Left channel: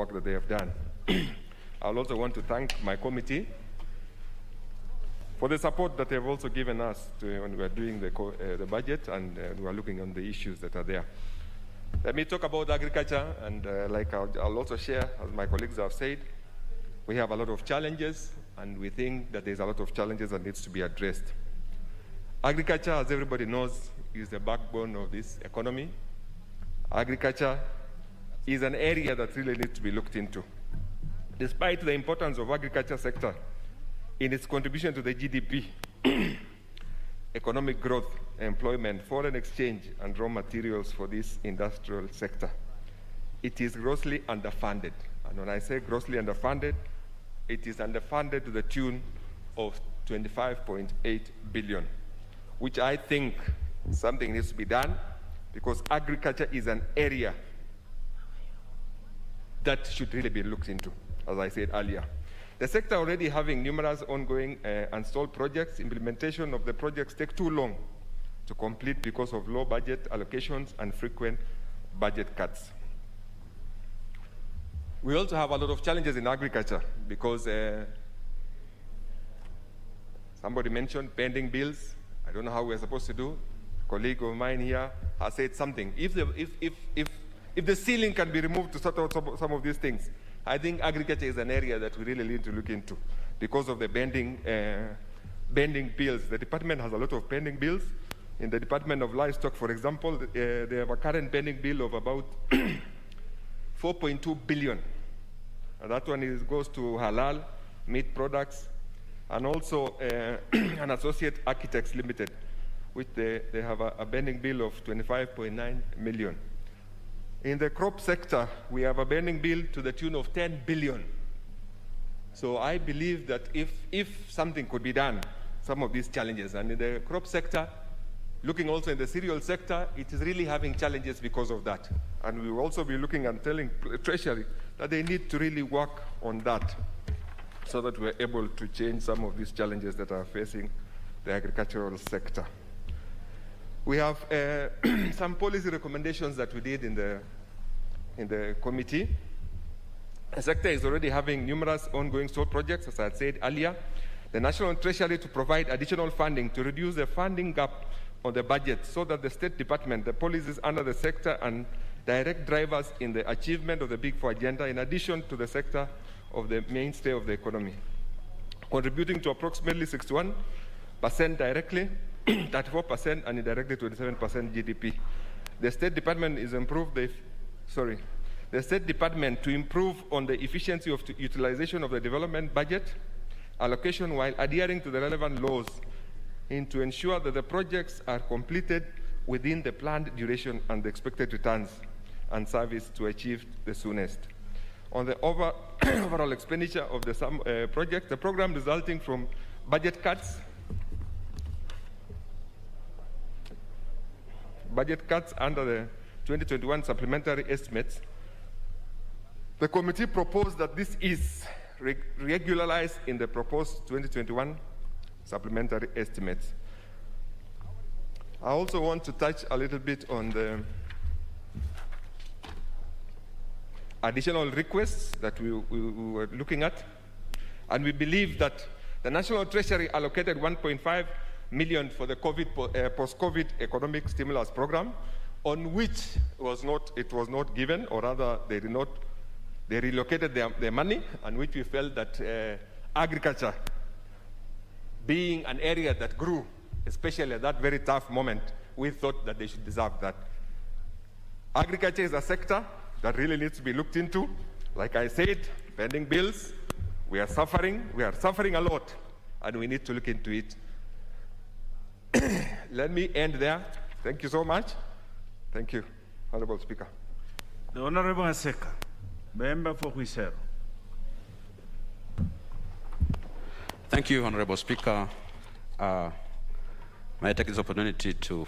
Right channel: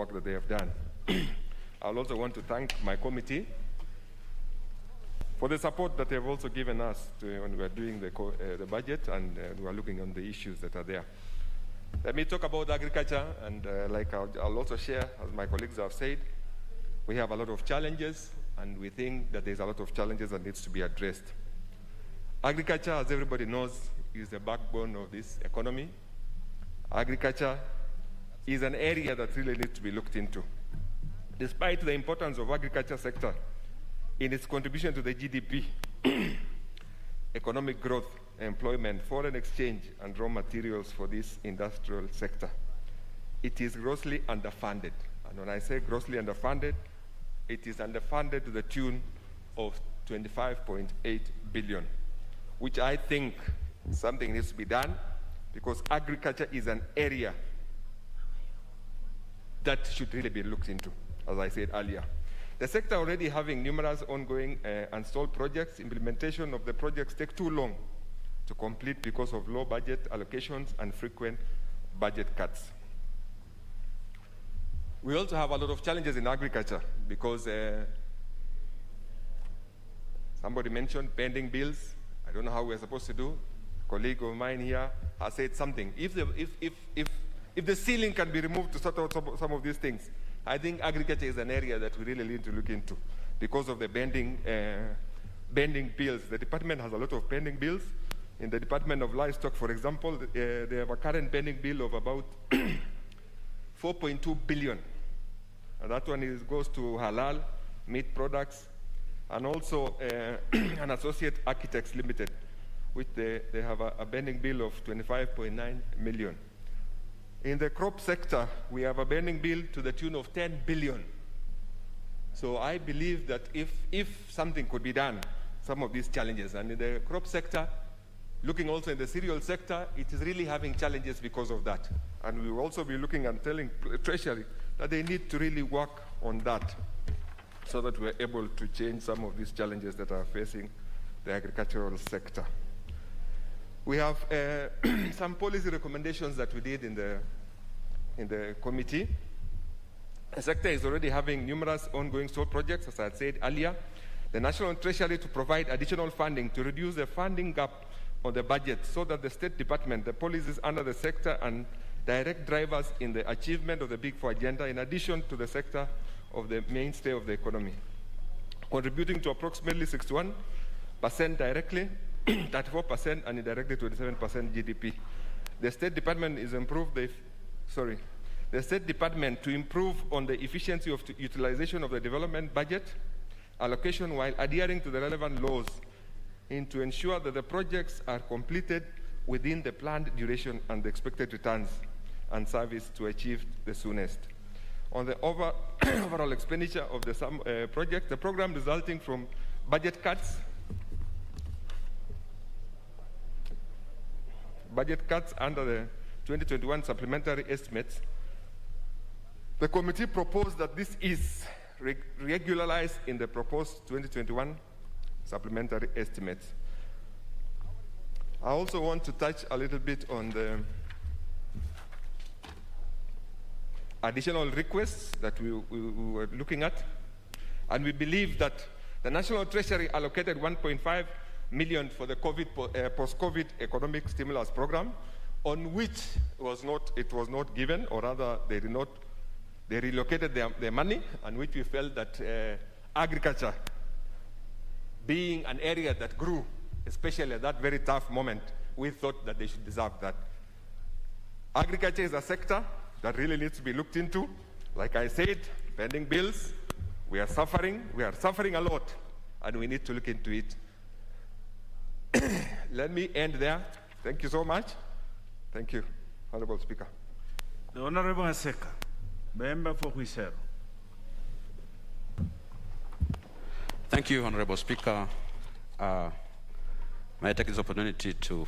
work that they have done. I'll also want to thank my committee for the support that they've also given us when we are doing the budget and we are looking on the issues that are there. Let me talk about agriculture, and I'll also share, as my colleagues have said, we have a lot of challenges, and we think that there's a lot of challenges that needs to be addressed. Agriculture, as everybody knows, is the backbone of this economy. Agriculture is an area that really needs to be looked into. Despite the importance of agriculture sector in its contribution to the GDP, economic growth, employment, foreign exchange, and raw materials for this industrial sector, it is grossly underfunded. And when I say grossly underfunded, it is underfunded to the tune of 25.8 billion, which I think something needs to be done, because agriculture is an area that should really be looked into, as I said earlier. The sector already having numerous ongoing and stalled projects. Implementation of the projects take too long to complete because of low budget allocations and frequent budget cuts. We also have a lot of challenges in agriculture because somebody mentioned pending bills. I don't know how we're supposed to do. A colleague of mine here has said something. If the ceiling can be removed to sort out some of these things, I think agriculture is an area that we really need to look into because of the pending bills. The department has a lot of pending bills. In the Department of Livestock, for example, they have a current pending bill of about 4.2 billion. And that one goes to halal, meat products, and also an Associate Architects Limited, which they have a pending bill of 25.9 million. In the crop sector, we have a pending bill to the tune of 10 billion. So I believe that if something could be done, some of these challenges, and in the crop sector, looking also in the cereal sector, it is really having challenges because of that. And we will also be looking and telling Treasury that they need to really work on that so that we're able to change some of these challenges that are facing the agricultural sector. We have some policy recommendations that we did in the committee. The sector is already having numerous ongoing stalled projects, as I had said earlier. The National Treasury to provide additional funding to reduce the funding gap on the budget so that the State Department, the policies under the sector, and direct drivers in the achievement of the Big Four agenda, in addition to the sector of the mainstay of the economy, contributing to approximately 61% directly, 34% and indirectly 27% GDP. The State Department the State Department to improve on the efficiency of utilization of the development budget allocation while adhering to the relevant laws and to ensure that the projects are completed within the planned duration and the expected returns and service to achieve the soonest. On the overall expenditure of the project, the program resulting from budget cuts under the 2021 supplementary estimates, the committee proposed that this is regularized in the proposed 2021 supplementary estimates. I also want to touch a little bit on the additional requests that we were looking at. And we believe that the National Treasury allocated 1.5 million for the post-COVID economic stimulus program, on which it was not given, or rather they relocated their money, and which we felt that agriculture, being an area that grew, especially at that very tough moment, we thought that they should deserve that. Agriculture is a sector that really needs to be looked into. Like I said, pending bills, we are suffering a lot, and we need to look into it. Let me end there. Thank you so much. Thank you, Honorable Speaker. The Honorable Aseka, Member for Huisero. Thank you, Honorable Speaker. May I take this opportunity to